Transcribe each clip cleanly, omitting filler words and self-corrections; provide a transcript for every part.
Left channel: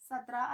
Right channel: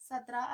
17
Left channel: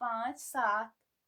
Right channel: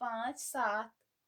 5, 7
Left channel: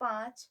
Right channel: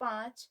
5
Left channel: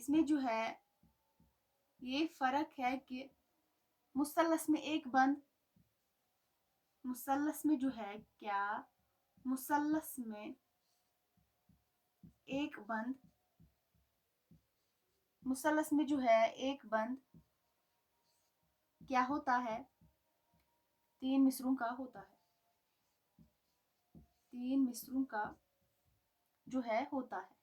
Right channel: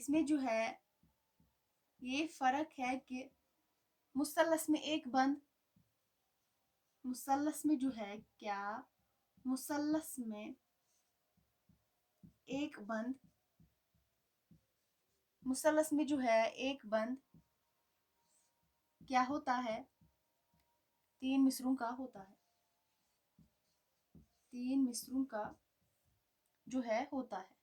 اس میں جو ہے یہ فرق ہے کہ مثلث میں ایک بند، مثلث میں جو ہے کیا، مثلث میں ایک بند، مثلث میں جو ہے ایک بند کیا ہوتا ہے، 3 مصروں کا ہوتا ہے، 3 مصروں کا جو ہے ہوتا ہے۔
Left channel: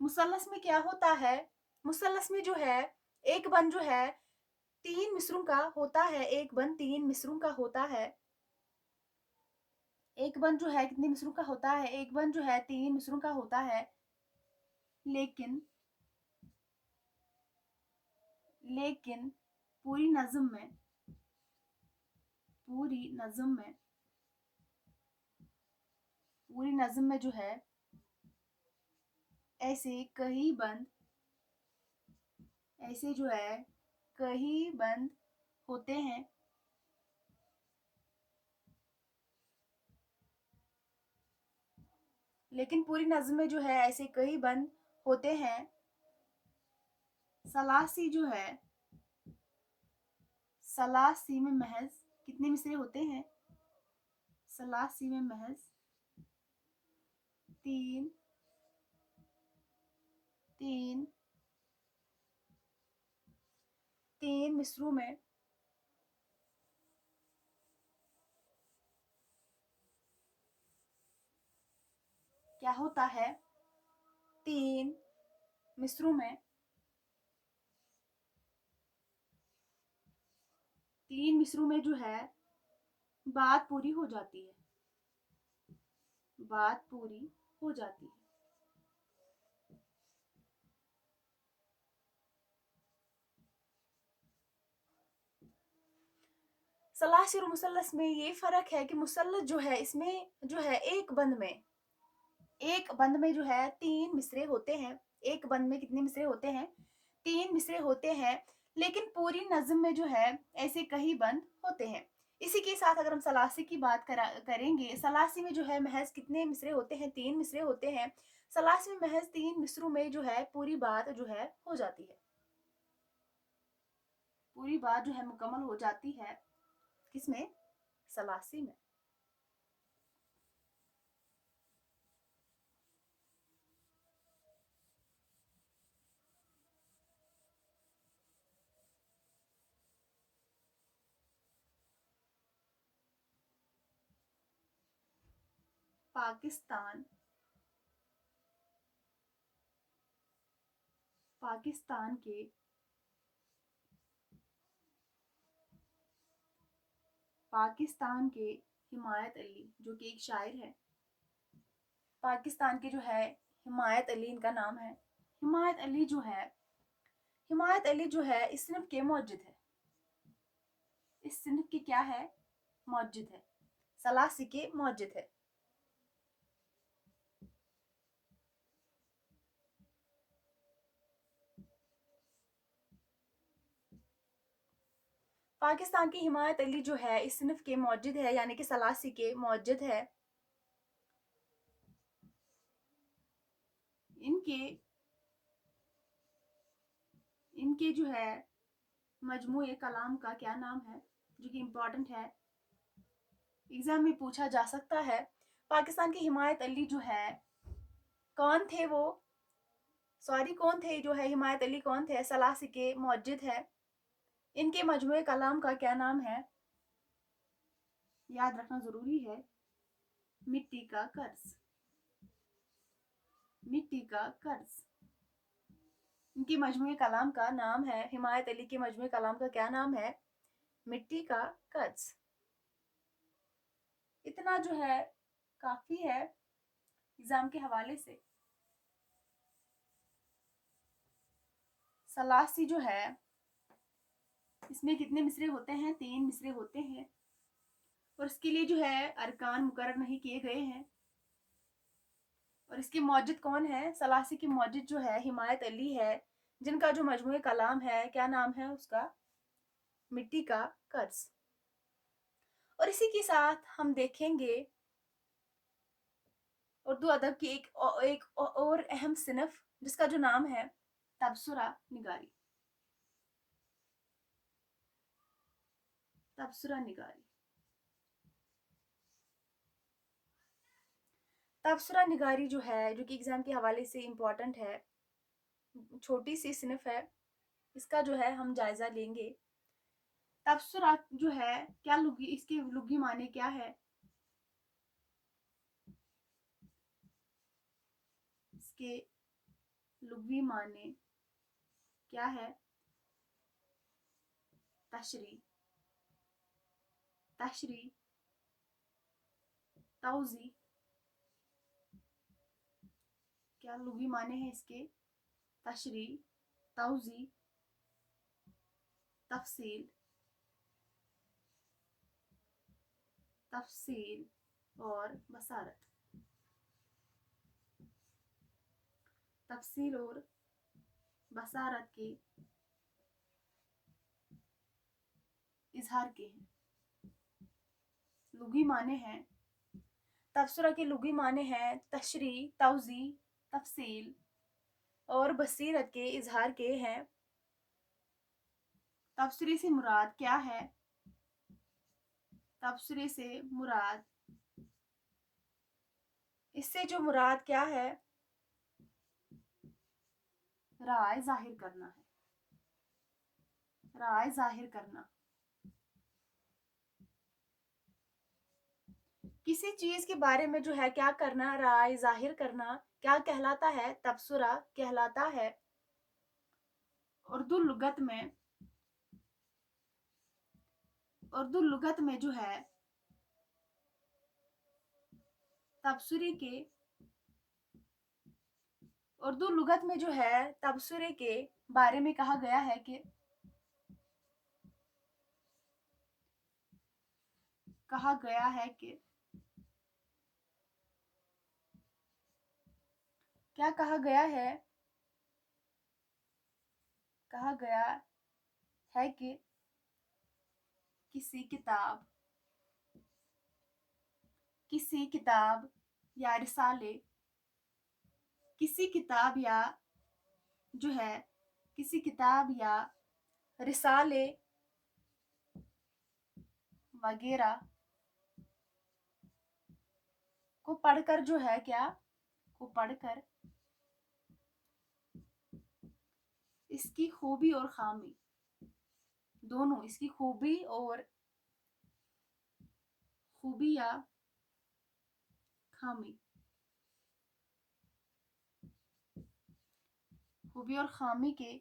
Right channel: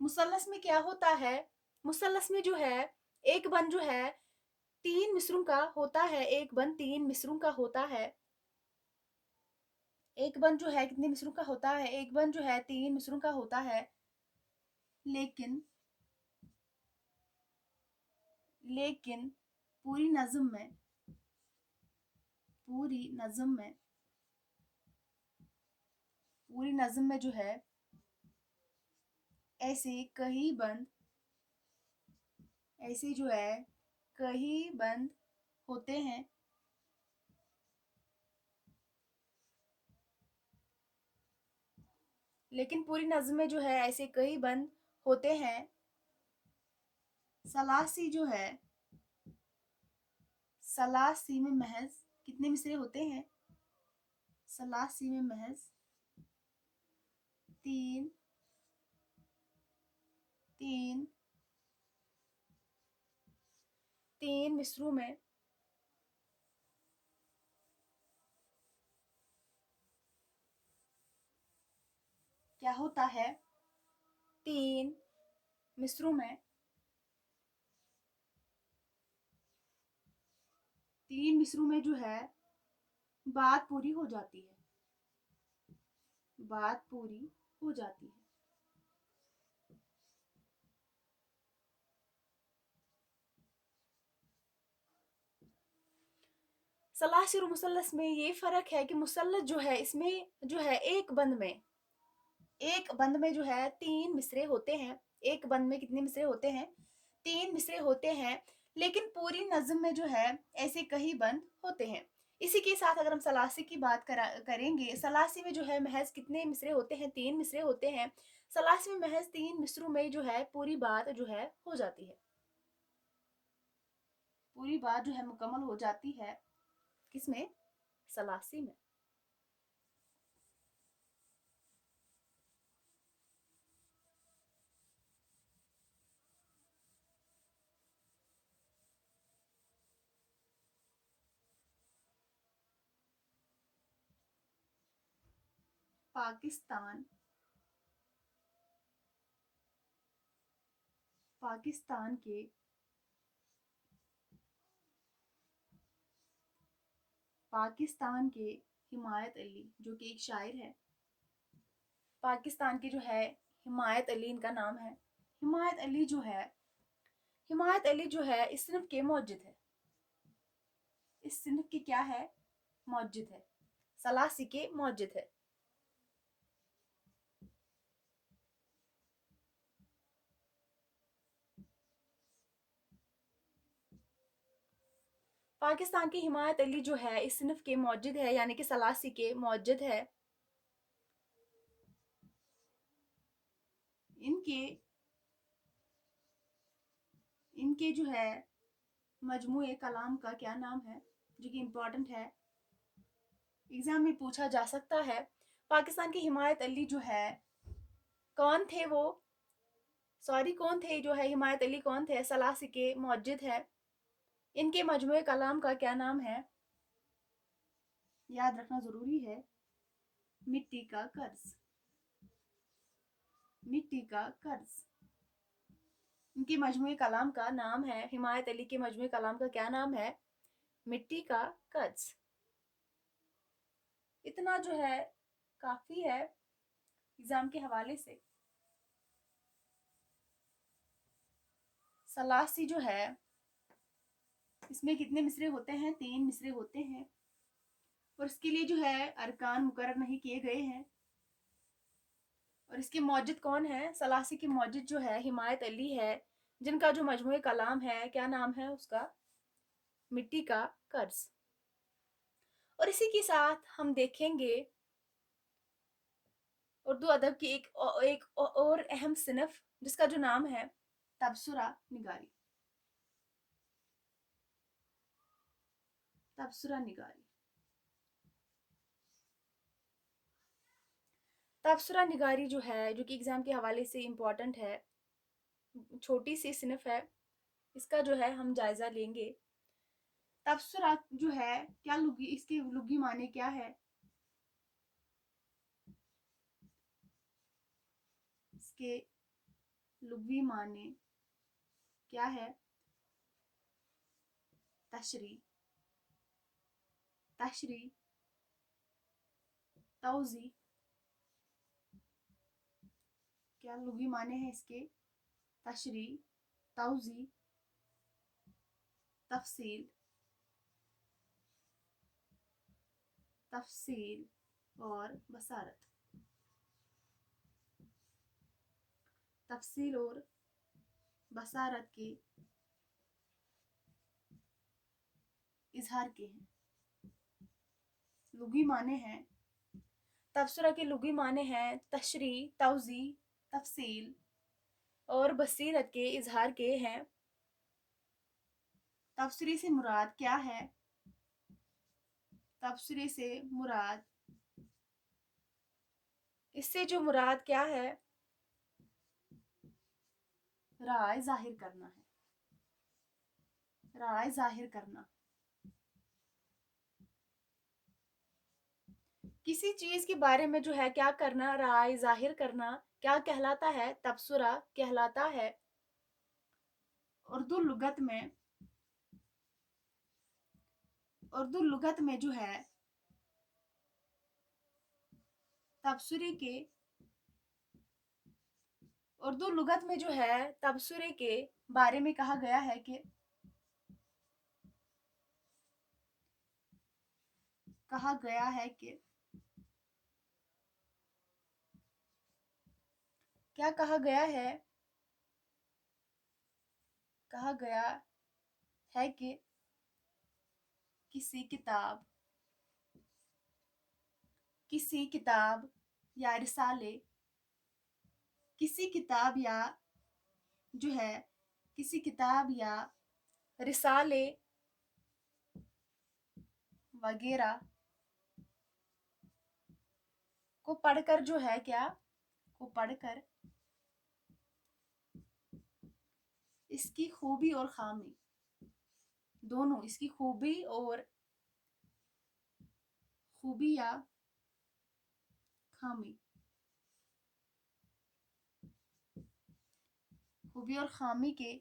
مثلث میں کیا ہوتا ہے، مثلث میں جو ہے ایک بند جو ہے 3 مصروں کا ہوتا ہے، ایک بند 3 مصروں کا ہوتا ہے، ایک بند جو ہے کتنے مصروں کا ہوتا ہے، ایک بند جو ہے 3 مصروں کا ہوتا ہے، لیکن پوری نظم میں جو ہے ایسے کئی بند ہوتے ہیں، لیکن پوری نظم میں جو ہے ایسے کئی بند ہوتے ہیں۔ ثلاثی جو ہے، ثلاثی میں محض کتنے مصرے ہوتے ہیں، ثلاثی میں محض 3 مصروں میں کیا ہوتا ہے، 3 مصروں میں 3 مصروں میں جو ہے بات پوری ہو جاتی ہے، بات پوری ہو جاتی ہے۔ ثلاثی اور مثلث میں یہ فرق ہے کہ مثلث جو ہے اس میں جو ہے ایک بند میں جو ہے 3 مصرے ہوتے ہیں، ایک بند میں کتنے مصرے ہوتے ہیں، 3 مصرے ہوتے ہیں، لیکن پوری نظم میں جو ہے ایسے کئی بند ہوتے ہیں۔ اسی کے ساتھ اگر ہم ثلاثی کی بات کریں گے، ثلاثی میں جو ہے محض کتنے مصرے ہوتے ہیں، 3 مصرے ہوتے ہیں، ثلاثی میں محض 3 مصروں میں جو ہے پوری بات جو ہے ہو جاتی ہے، پوری بات جو ہے مکمل ہو جاتی ہے، کس میں، ثلاثی میں۔ پاکستان کے حمایت علی جو کہ ایک شاعر ہے، پاکستان کے جو ہے حمایت علی ان کا نام ہے، حمایت علی جو ہے اس صنف کے موجد ہے، اس صنف کے کیا ہے، موجد ہے، ثلاثی کے موجد ہے۔ پاکستان کی حمایت علی جو ہے اس صنف کے موجد ہے، یعنی کہ ثلاثی کے موجد ہے۔ ان کے جو ہے مجموعے کلام کا کیا نام ہے، جو کہ امپورٹنٹ ہے، ایگزام میں پوچھا جا سکتا ہے۔ پاکستان کی حمایت علی جو ہے کون تھے جو ہے حمایت علی کون تھے، ثلاثی کے موجد ہے۔ ان کے مجموعے کلام کا کیا نام ہے، یاد رکھنا ضروری ہے، مٹی کا قرض، مٹی کا قرض۔ ان کے مجموعے کلام کا نام ہے، حمایت علی کے مجموعے کلام کا کیا نام ہے، مٹی کا قرض۔ اتنا جو ہے کافی ہے ایگزام کے حوالے سے۔ ثلاثی جو ہے اس میں کتنے مصرے ہوتے ہیں، 3 مصرے ہوتے ہیں، اور اس کے لیے جو ہے ارکان مقرر نہیں کیے گئے ہیں، اور اس کے موجد کون ہے، ثلاثی کی موجد جو ہے حمایت علی ہے، جن کا جو مجموعہ کلام ہے کیا نام ہے اس کا، مٹی کا قرض۔ اور اسی کے ساتھ ہم دیکھیں گے اور اردو ادب کی ایک اور اہم صنف جس کا جو نام ہے تبصرہ نگاری. تبصرہ نگاری. تبصرہ نگاری جو ہے، جو کہ ایگزام کے حوالے سے امپورٹنٹ ہے، چھوٹی سی صنف ہے، اس کا جو ہے ہم جائزہ لیں گے. تبصرہ جو ہے کیا لغی، اس کے لغوی معنی کیا ہے؟ اس کے لغوی معنی کیا ہے؟ تشریح، تشریح، توضیح. کیا لغوی معنی ہے اس کے؟ تشریح، توضیح، تفصیل، تفصیل اور بصارت. تفصیل اور بصارت کے اظہار کے ہیں. لغوی معنی ہیں. تبصرہ کے لغوی معنی ہیں تشریح، توضیح، تفصیل اور بصیرت کے اظہار کے ہیں. تبصرے سے مراد کیا ہے؟ تبصرے سے مراد، اس سے جو مراد کیا ہے؟ رائے ظاہر کرنا ہے. رائے ظاہر کرنا. کسی چیز کے بارے میں جو ہے کیا کرنا؟ رائے ظاہر کرنا. کیا کہلاتا ہے؟ تبصرہ کہلاتا ہے. اردو لغت میں جو ہے تبصرے کے، اردو لغت میں جو ہے تبصرے کے بارے میں کہا گیا ہے کہ کیا کہا گیا ہے؟ کہا گیا ہے کہ کسی کتاب یا رسالے، کسی کتاب یا جو ہے کسی کتاب یا رسالے وغیرہ کو پڑھ کر جو ہے کیا کو پڑھ کر اس کی خوبی اور خامی دونوں، اس کی خوبی یا خامی، خوبی اور خامی کے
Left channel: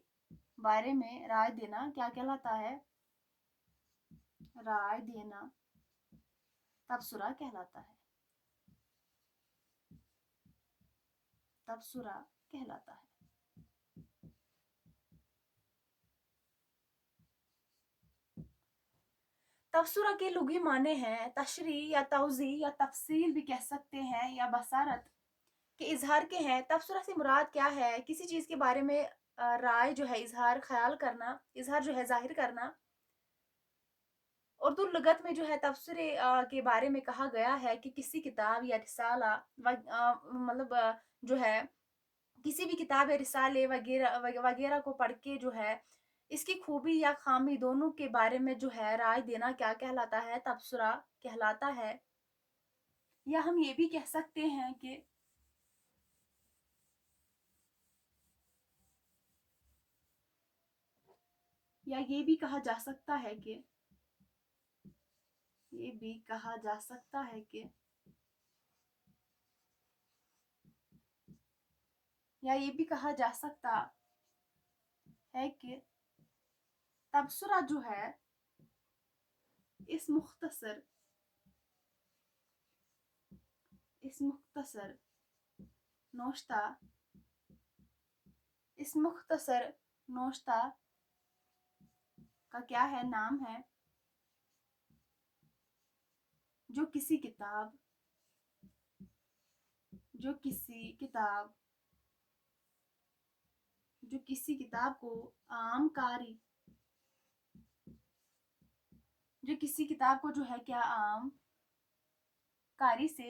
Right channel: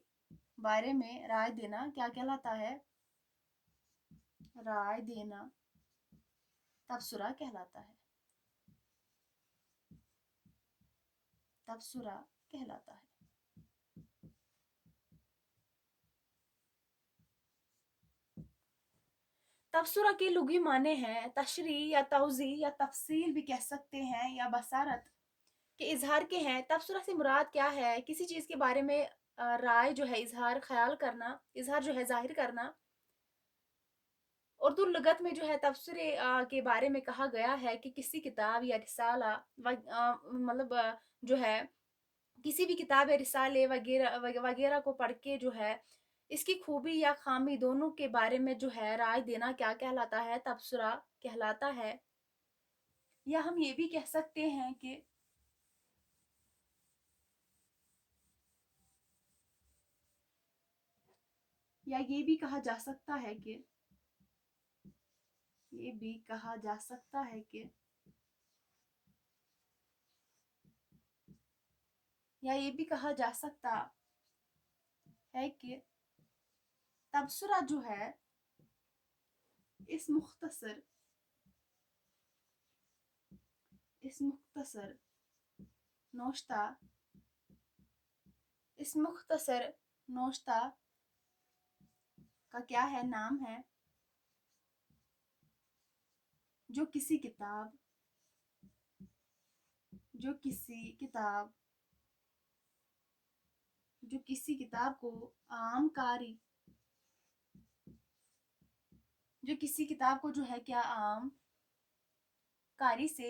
بارے میں رائے دینا کیا کہلاتا ہے؟ رائے دینا تبصرہ کہلاتا ہے. تبصرہ کہلاتا ہے. تبصرہ کے لغوی معنی ہیں تشریح یا توضیح یا تفصیل بھی کہہ سکتے ہیں، یا بصارت کے اظہار کے ہیں. تبصرہ سے مراد کیا ہے؟ کسی چیز کے بارے میں رائے جو ہے اظہار خیال کرنا، اظہار جو ہے ظاہر کرنا. اردو لغت میں جو ہے تبصرے کے بارے میں کہا گیا ہے کہ کسی کتاب یا رسالہ مطلب جو ہے کسی بھی کتاب یا رسالے وغیرہ کو پڑھ کے جو ہے اس کی خوبی یا خامی دونوں کے بارے میں جو ہے رائے دینا کیا کہلاتا ہے؟ تبصرہ کہلاتا ہے. یا ہم یہ بھی کہہ سکتے ہیں کہ یہ بھی کہا جا سکتا ہے کہ تبصرہ جو ہے اس مختصر نوشتہ کا کیا ہے؟ نام ہے جو کسی کتاب کو عام کاری، جو کسی کتاب کو جو ہے کیا عام کاری سے